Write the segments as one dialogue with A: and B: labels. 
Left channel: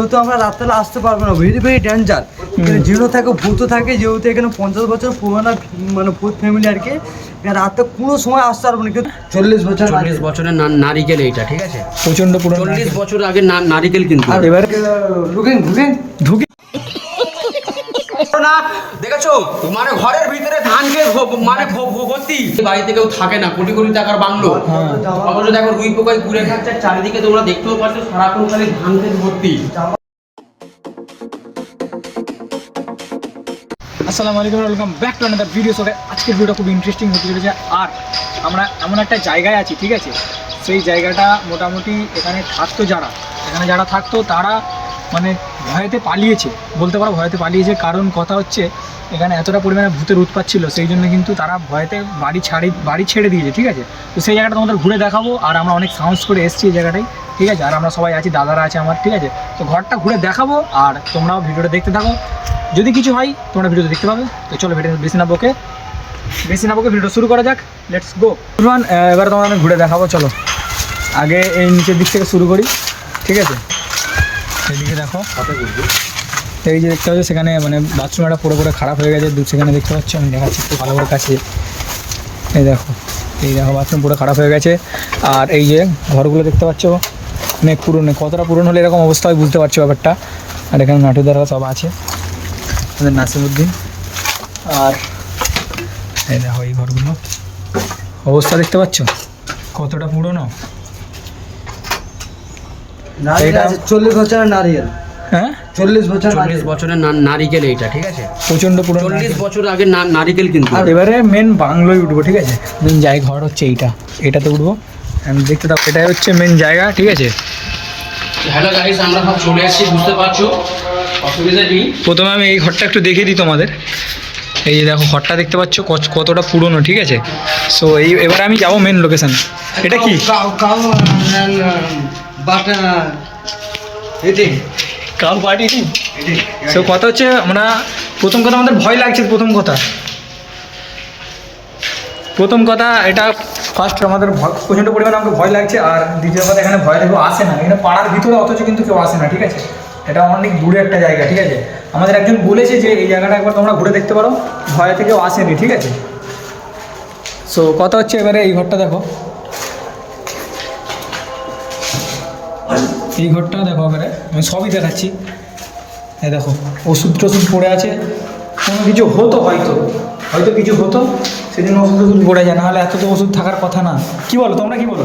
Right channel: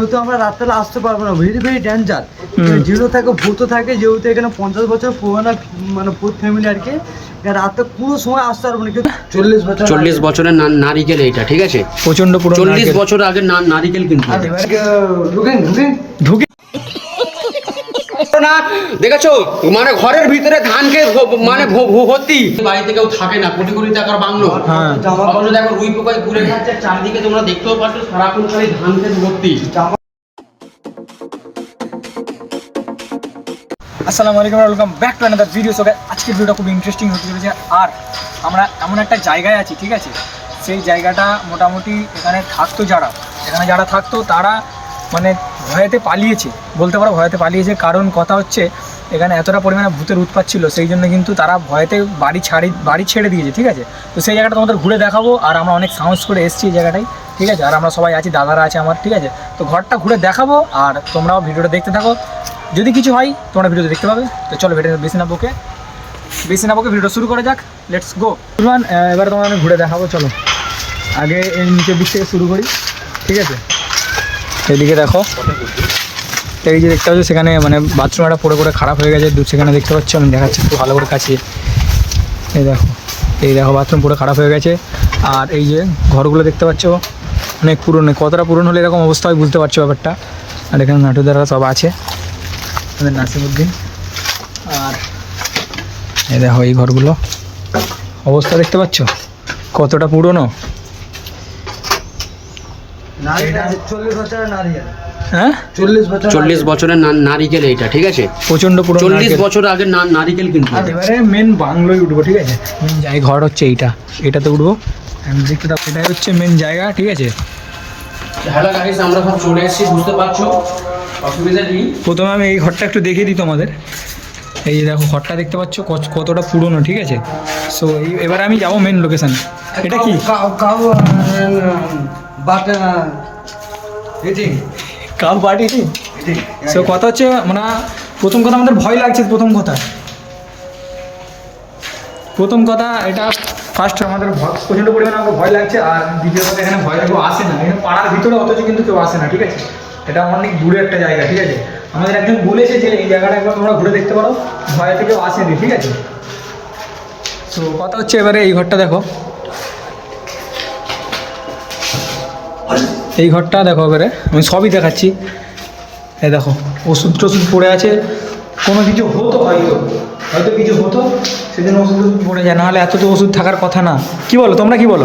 A: যেহেতু আমরা রাত্রেবেলা আসতে পারব না ভেরি ভেরি ডেঞ্জার জিরো থাকে ভূত থাকে যেহেতু এখানে পঞ্চাশ বছর পুরোনো মানে ভূত ফ্যামিলি আর কি রাতে কোনো সময় আসতে পারব না কিন্তু চল্লিশ বছর
B: চল্লিশ বছরের নারিকেল এইটা ঠিক আছে?
C: প্রচণ্ড পুরো
B: চল্লিশ বছর আগে নারিকেল কিন্তু
C: এবার
A: ঢুকেন ঢুকেন।
C: ঢুকে
B: দেখেছ? মানে ঘরের ভিতরে ধান খেয়ে মানে ভর্তি বাড়িতে কেউ থাকে না কোটি কোটি টাকার বাংলো।
C: হ্যাঁ।
B: অথচ দেখো রুই পোকায় ঘুরে খাচ্ছে চারিদিকে তোমরা দেখতেও পাচ্ছ সারাক্ষণ খালি ধান খেতে ভর্তি
C: আসসালামু আলাইকুম welcome back to another video so আজকের ভিডিওটা খুব ইন্টারেস্টিং হতে চলেছে। আর আমরা এমন একটা জায়গায় আছি ঠিক আছে? সেই জায়গাটা মোটামুটি এখানে থাকতো যারা। এখানে যারা থাকতো তারা মানে ভয়েতে পালিয়েছে, বলতে পারো ভয়েতে পালিয়েছে। কারণ কথা হচ্ছে, এখানে এতটা পরিমাণে ভূতের উৎপাত ছিল, সেই জন্য কিন্তু তারা ভয়েতে বাড়ি ছাড়ি, বাড়ি ছেড়ে দিয়েছে, ঠিক আছে? তো সেই জায়গাটা তোমাদের ঘুরে দেখাবো, আর আমরা অনেক সাহস করে এসেছি এই জায়গাটায়, ঠিক আছে? আর আমরা সবাই আছি, দাদারা আছে আমার, ঠিক আছে? তো ঘরটা ঘুরে দেখাবো, আর তোমরাও ভিডিওটা দেখতে থাকো। যদি কিছু হয়, তোমরা ভিডিওতে দেখতে পাবে। তো চলো ভিডিও বেশি না বকে, বেশি না বকে ভিডিও শুরু করা যাক। লেটস গো এবার তোমাদের ঘুরে দেখাবো, চলো। আগে এই নিচের দিক থেকে শুরু করি, ঠিক আছে? এইদিকে দেখো। এই যে দেখতে পাচ্ছ সেখানে মানে বাথরুম একটা পড়ে পড়ে খারাপ হয়ে গেছে, দু সেখানে দেখতে পাচ্ছ, আমি দেখাচ্ছি একটু ভালো করে কাছে। এই দেখো এই দেখো বাথরুম পুরো খারাপ হয়ে গেছে। আর এই যে ঘরগুলো দেখতে পাচ্ছ, অনেক পুরনো, কতটা পুরনো হলে এরকম অবস্থা হয় বুঝতে পারছ ব্যাপারটা। আর এখানে নাটুদারা সব আছে, আমাদের নাসিমুদ্দিন। আর এই দেখো এই ঘরগুলো। অবস্থা দেখতে পাচ্ছ? কতটা পুরনো?
A: চল্লিশ বছরের নারিকেল
C: হ্যাঁ?
A: চল্লিশ বছর
B: চল্লিশ বছরের না- নারিকেল এইটা ঠিক আছে?
C: প্রচণ্ড পুরনো
B: চল্লিশ বছর আগে না- নারিকেল কিন্তু
C: এবারে মেন বাংলোয় উঠবো ঠিক আছে? মেন জায়গা ঘর হচ্ছে এইটা। এটাতে উঠবো। And দেখতে দাও এটাই হচ্ছে মেন জায়গা ঠিক আছে?
B: হ্যালো গাইস আমরা সব চলে এসেছি বুঝতে পারছ? অসুবিধা নেই।
C: প্রথমে আমি এই ঘরটা একটু দেখিয়ে দিই তোমাদের। এই যে দেখো ঘরটা দেখতে পাচ্ছ কত- কতটা পুরনো ঠিক আছে? সো এই এবার আমি যাব মেন লোকেশন এটা কি?
A: কাউ কাউ বাট
C: কাউ পার্টি সো কথা হচ্ছে মানে প্রথম কথা আমাদের ভয় লাগছে প্রথম কথা। প্রথম কথা এটা ফার্স্ট আমাদের ভয় প্রচণ্ড পরিমাণে আমাকে ভয় লাগছে আর দ্বিতীয় কথা এখানে ভয় কেউ আসে না। এটা পাড়ার ভিতরে অথচ কিন্তু কেউ আসে না ঠিক আছে? এটা অনেক দূরে একটা জায়গা ঠিক আছে? আমাদের একজন বলেছে যে এই জায়গাটা একবার তোমরা ঘুরে দেখতে পারো ভয়তে কেউ আসেনি ঠিক আছে? সো কথা হচ্ছে এবারে এই ঘরটা দেখো। এই ঘরটা দেখো এবারে, আমি সবই দেখাচ্ছি। এই দেখো, ওষুধ টষুধ পড়ে আছে। কোনো কিছু হতো হয়তো হয়তো কিছু হতো সেদিন ওষুধ টষুধ পড়ে যায়। নাহলে এতটা ওষুধ থাকার কথা না। কি বলো, তোমরা কি বলো?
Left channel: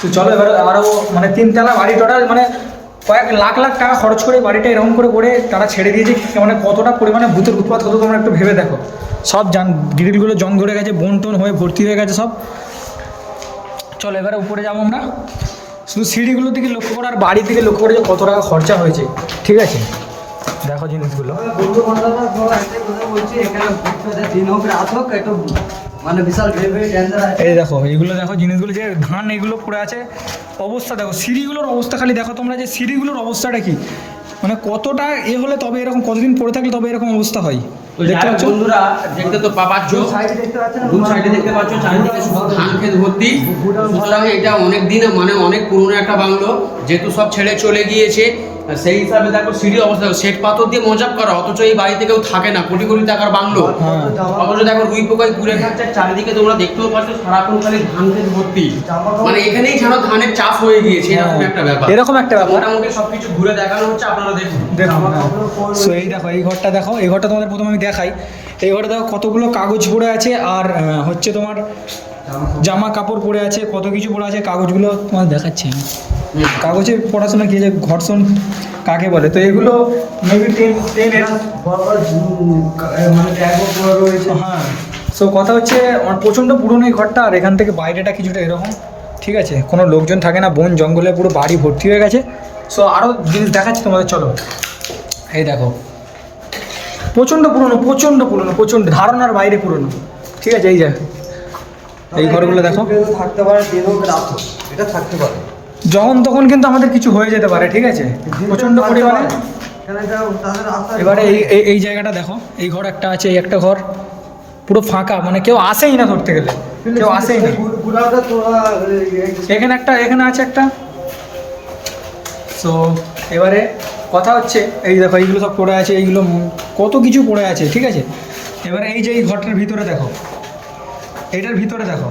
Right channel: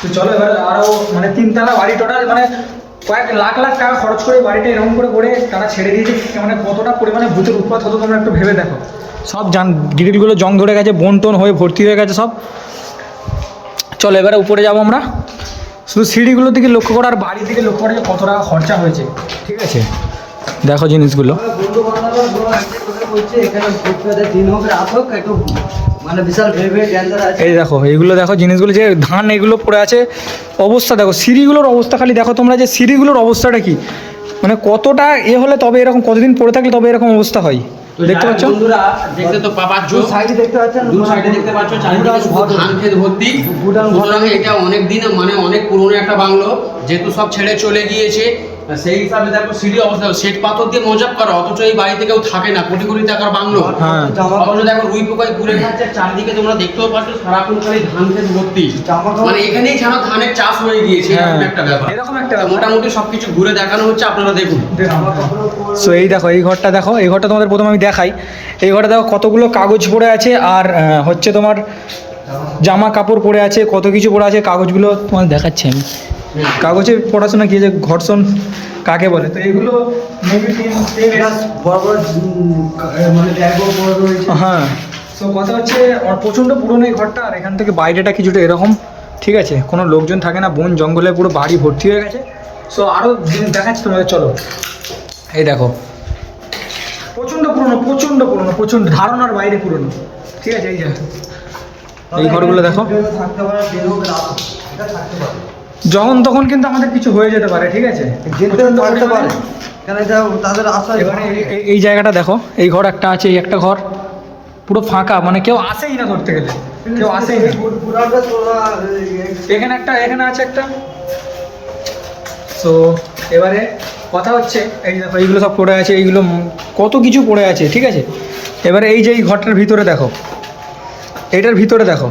C: তো চলো এবার আরও মানে তিনতলা বাড়ি টোটাল মানে কয়েক লাখ লাখ টাকা খরচ করে বাড়িটা এরকম করে করে তারা ছেড়ে দিয়েছে। মানে কতটা পরিমাণে ভূতের উৎপাত হতো তোমরা একটু ভেবে দেখো। সব জান, গ্রিলগুলো জং ধরে গেছে বন টন হয়ে ভর্তি হয়ে গেছে সব। চলো এবারে উপরে যাব আমরা। শুধু সিঁড়িগুলো থেকে লক্ষ্য করো আর বাড়ি থেকে লক্ষ্য করে যে কত টাকা খরচা হয়েছে। ঠিক আছে? দেখো জিনিসগুলো। এই দেখো এইগুলো দেখো জিনিসগুলো যে ধান এগুলো পড়ে আছে, অবস্থা দেখো, সিঁড়িগুলোর অবস্থা খালি দেখো তোমরা যে সিঁড়িগুলোর অবস্থাটা কি? মানে কতটা এ হলে তবে এরকম, কতদিন পড়ে থাকলে তবে এরকম অবস্থা হয়? দেখতে পাচ্ছ?
B: বন্ধুরা দেখতে তো পাচ্ছ
A: সাইডে দেখতে পাচ্ছেন
B: দু সাইডে দেখতে পাচ্ছ চারিদিকে শুধু ধান ক্ষেত ভর্তি। সুতরাং এটা অনেক দিন মানে অনেক পুরনো একটা বাংলো যেহেতু সব ছেড়ে চলে গিয়েছে। সেই হিসাবে দেখো সিঁড়ি অবস্থা দেখো পাথর দিয়ে মজাব করা অথচ এই বাড়িতে কেউ থাকে না কোটি কোটি টাকার বাংলো।
C: হ্যাঁ।
B: অথচ দেখো রুই পোকায় ঘুরে খাচ্ছে চারিদিকে তোমরা দেখতেও পাচ্ছ সারাক্ষণ খালি ধান ক্ষেত ভর্তি। মানে এখানেই যেন ধানের চাষ হয়ে গিয়েছে এরকম
C: হ্যাঁ,
B: একটা ব্যাপার।
C: এরকম একটা ব্যাপার।
B: মোটামুটি সবকিছু ঘুরে দেখানো হচ্ছে আপনারা দেখুন।
C: দেখুন সো এই দেখো এই ঘরটা দেখো এই ঘরটা তোমাদের প্রথমে আমি দেখাই। এই ঘরে দেখো কতগুলো কাগজ পড়ে আছে আর হচ্ছে তোমার জামা কাপড় পড়ে আছে কত কিছু পড়ে আছে কাগজগুলো তোমার দেখাচ্ছি আমি। কাগজে পড়াশোনা কি যে ঘর্ষণ কাকে বলে? তো এগুলো মেবি
A: মানে ব্যাগও পড়ে রয়েছে।
C: হ্যাঁ। সো কথা হচ্ছে প্রচণ্ড পুরনো এই ঘরটা আর এখান থেকে বাইরেটা কিছুটা এরকম ঠিক আছে? কোনো লোকজন থাকে না বন জঙ্গলে পুরো বাড়ি ভর্তি হয়ে গেছে। সো আরও জিনিস দেখাচ্ছি তোমাদের চলো। এই দেখো। প্রচণ্ড পুরনো প্রচণ্ড পুরনো প্রচণ্ড ধারণার বাইরে পুরনো ঠিক আছে? এই যে। এই ঘরগুলো দেখো।
A: থাকতে পারে এটা থাকতে পারে।
C: যখন তখন কিন্তু আমাদের কিছু হয়ে যেতে পারে ঠিক আছে? প্রচণ্ড পরিমাণে। এবারে এই এই- জায়গাটা দেখো এই ঘর একটা আছে এই একটা ঘর পুরো ফাঁকা মানে কেউ আসেই না ধরতে গেলে কেউ আসেই না। এখানে একটা এখানে আছে একটা। সো এবারে কথা হচ্ছে এই দেখো এইগুলো সব পড়ে আছে এইগুলো কত কিছু পড়ে আছে ঠিক আছে? এবারে এই যে এই ঘরটার ভিতরে দেখো এইটার ভিতরে দেখো।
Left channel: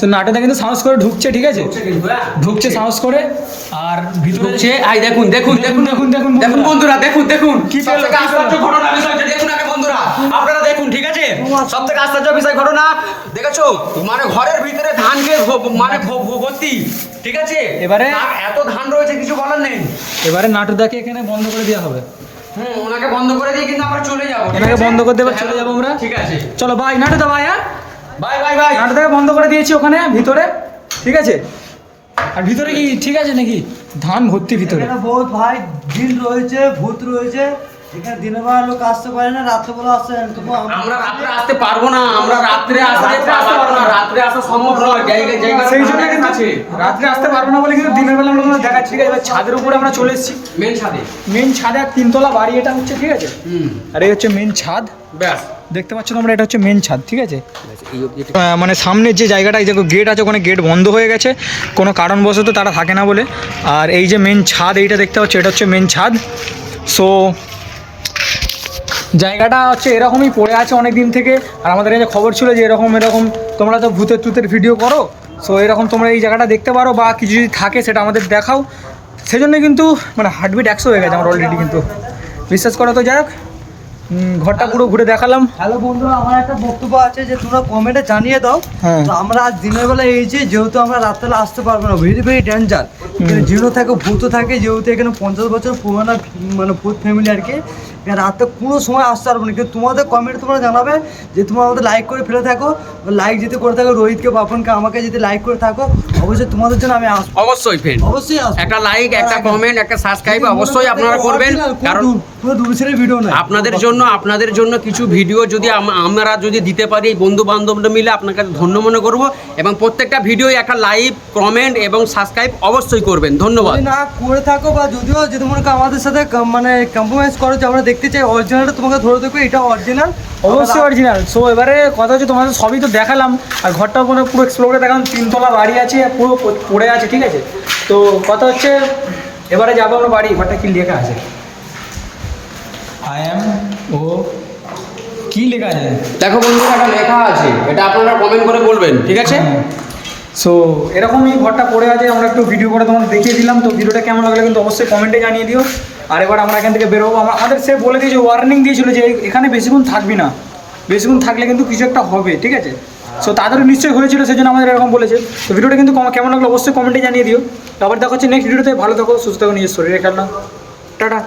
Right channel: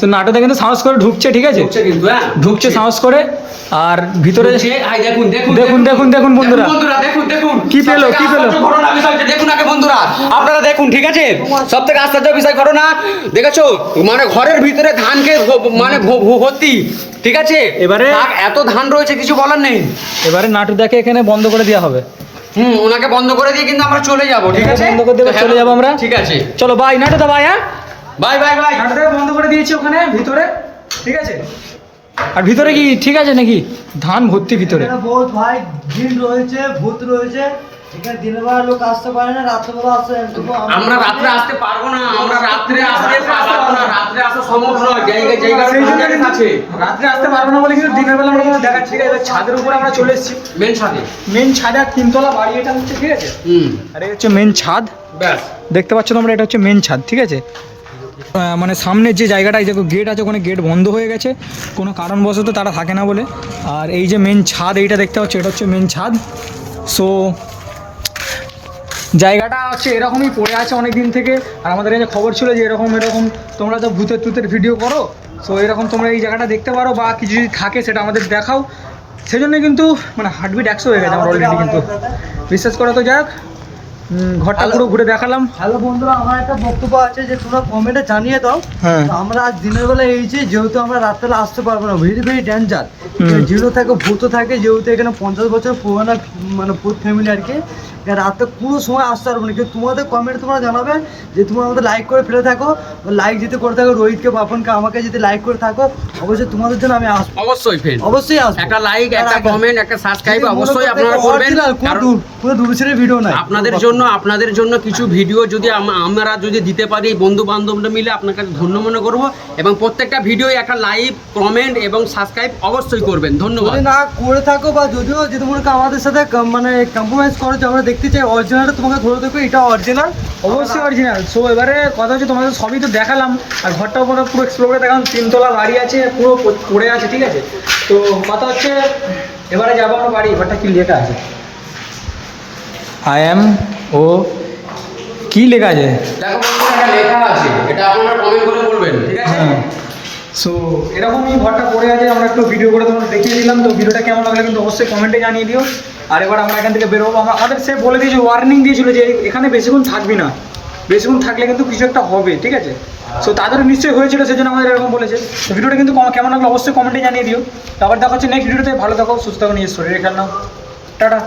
C: সো নাটোটা কিন্তু সাহস করে ঢুকছে ঠিক আছে?
B: কিন্তু হ্যাঁ।
C: ঢুকছে সাহস করে আর ভিতরে
B: ঢুকছে, আই দেখুন দেখুন
C: দেখুন, দেখুন, দেখুন বন্ধুরা।
B: দেখুন দেখুন
C: কি পেল, কি পেল?
B: ঘটনা দেখুন আগে বন্ধুরা। আপনারা দেখুন ঠিক আছে? সব থেকে আশ্চর্য বিষয় ঘটনা দেখেছ? মানে ঘরের ভিতরে ধান খেয়ে মানে ভর্তি ঠিক আছে?
C: এবারে-
B: এত ধান রয়েছে কিছু বলার নেই।
C: এবারে নাটুদাকে এখানে বন্ধ করে দেওয়া হবে।
B: হুম ওনাকে বন্ধ করে দিয়ে কিন্তু আমরা চলে যাব ঠিক আছে?
C: বন্ধ করে দেবে, চলে যাব আমরা।
B: ঠিক আছে।
C: চলো বাই নাটুদা বাই হ্যাঁ?
B: বাই বাই বাই
C: নাটুদাকে বন্ধ করে দিয়েছি ওখানে ভিতরে ঠিক আছে? আর ভিতরে কি ঠিক আছে নাকি? ধান ভর্তি ভিতরে।
A: ভূত বহুত ভাই জিন রয়েছে ভূত রয়েছে। এখানে দিনের বেলা লোক আসতে পারে না রাত্রেবেলা আসতে পারে তবু
B: আমরা রাত্রে আসতে পারব না আমরা রাত্রে আসতে পারব না রাত্রে আসা সম্ভব নয় জায়গায় জায়গায়
C: সেই জন্য কিন্তু রাত্রে আসতে পারব না বলে কিন্তু দিনের বেলা আমরা কোনো দেখাচ্ছি। ঠিক আছে এবার ছাদের উপরে আমরা চলে এসেছি।
B: মেন ছাদে।
C: মেন ছাদে আর তিনতলা বাড়ি এটা হচ্ছে ঠিক আছে?
B: হুম।
C: আর এই হচ্ছে মেন ছাদ।
B: ব্যাস।
C: দেখতে পাচ্ছ তোমরা এটা হচ্ছে মেন ছাদ ঠিক আছে? মানে সামনের যে জায়গাটা এই দেখো গেট আছে ওখানে গেট বন্ধ হয়ে গেছে। কোনো কারণবশত তারা থাকে না বলে। আর এই যে মেন ছাদ এইটা দেখতে পাচ্ছ এটা হচ্ছে মেন ছাদ। সো জায়গাটা হচ্ছে এরকমই পড়ে আছে অনেক দিন থেকে। আর আমাদের যে খবর ছিল যে এরকম এরকম তোমরা তো ভূতের টুতের ভিডিও করো সো এরকম তোমরা এই জায়গাটা দেখতে পারো বা কিছু যদি থাকে সেটা আমাদের দেখাও। সেজন্য কিন্তু মানে হার্টবিট একশো হয়ে গেছে আমার অলরেডি কিন্তু। বিশ্বাস করা তো, যাই হোক। ঘরটা পুরো ঘুরে দেখালাম।
A: হ্যালো বন্ধুরা আমার একটা বক্তব্য আছে যে তোমরা কমেন্টে জানিয়ে দাও।
C: হ্যাঁ।
A: আমরা আজ দিনের বেলা এইছি যেহেতু আমরা রাত্রেবেলা আসতে পারব না ভেরি ভেরি ডেঞ্জার। জিনো থাকে ভূত থাকে যেহেতু এখানে পঞ্চাশ বছর পুরোনো মানে ভূত ফ্যামিলি আর কি রাতে কোনো সময় আসতে পারব না। কিন্তু তোমাদের কমেন্ট তোমরা জানাবে যে তোমরা আমাদের লাইক করে ফেলে থাকো লাইক যদি করে থাকো রোহিতকে পাপনকে আমাকে যদি লাইক করে থাকো অবশ্যই তোমাদের জন্য আমি আসব।
B: অবশ্যই ফ্রেন্ড
A: অবশ্যই আসব।
B: একটা লাইক একটা কমেন্ট একটা সাবস্ক্রাইব অবশ্যই আপনারা করবেন কারণ
A: ভিডিও নাই।
B: আপনাদের জন্য আপনাদের জন্য কিছু ভিডিও যদি আমরা যদি দিতে পারি বন্ধু বান্ধবরা মিলে আপনার কাছে ধন্য মনে করব এবং প্রত্যেকটা ভিডিও একটা লাইক কমেন্ট এবং সাবস্ক্রাইব অবশ্যই করবেন। ধন্যবাদ।
A: না করে থাকো বা যদিও যদি মনে করো আমাদের সাথে মানে কম্প্রোমাইজ করো, যে আমরা দেখতে চাই অরিজিনালটা তোমাকে ধরে দেখো, এটা অরিজিনাল
C: অবশ্যই অরিজিনাল সো এবারে কথা হচ্ছে তোমাদের সবই তো দেখালাম, আর ঘরটাও পুরো পুরো এক্সপ্লোর করে দেখালাম, তিনতলা বাড়ি আছে, পুরো পড়ে আছে, ঠিক আছে? তো কথা হচ্ছে, এবারে যাব আমরা বাড়ি, ঘরটা কি লেখা আছে? আই অ্যাম ও কি লেখা আছে?
B: দেখো বন্ধুরা একটা লেখা আছে এটা আপনারা কমেন্ট করে বলবেন ঠিক আছে?
C: হ্যাঁ। সো এরকমই ঘরটা পড়ে আছে আমরা একটু ভিডিও করে তোমাদের দেখিয়ে দিলাম তো ভিডিওটা কেমন লাগল কিন্তু অবশ্যই কমেন্টে জানিয়ে দিও। আর এবার আমরা এখান থেকে বেরোবো। আমা- আমাদের সে বলে দিয়েছে ওয়ার্নিং দিয়েছিল যে এখানে বেশিক্ষণ থাকবি না। বেশিক্ষণ থাকলে কিন্তু কিছু একটা হবে ঠিক আছে? সো তাদেরও নিশ্চয়ই হয়েছিল সেজন্য আমাদের এরকম বলেছে। তো ভিডিওটা কিন্তু কম- কেমন লাগল অবশ্যই কমেন্টে জানিয়ে দিও। তো আবার দেখা হচ্ছে নেক্সট ভিডিওতে ভালো থাকো সুস্থ থাকো নিজের শরীরে খেয়াল নাও। টাটা।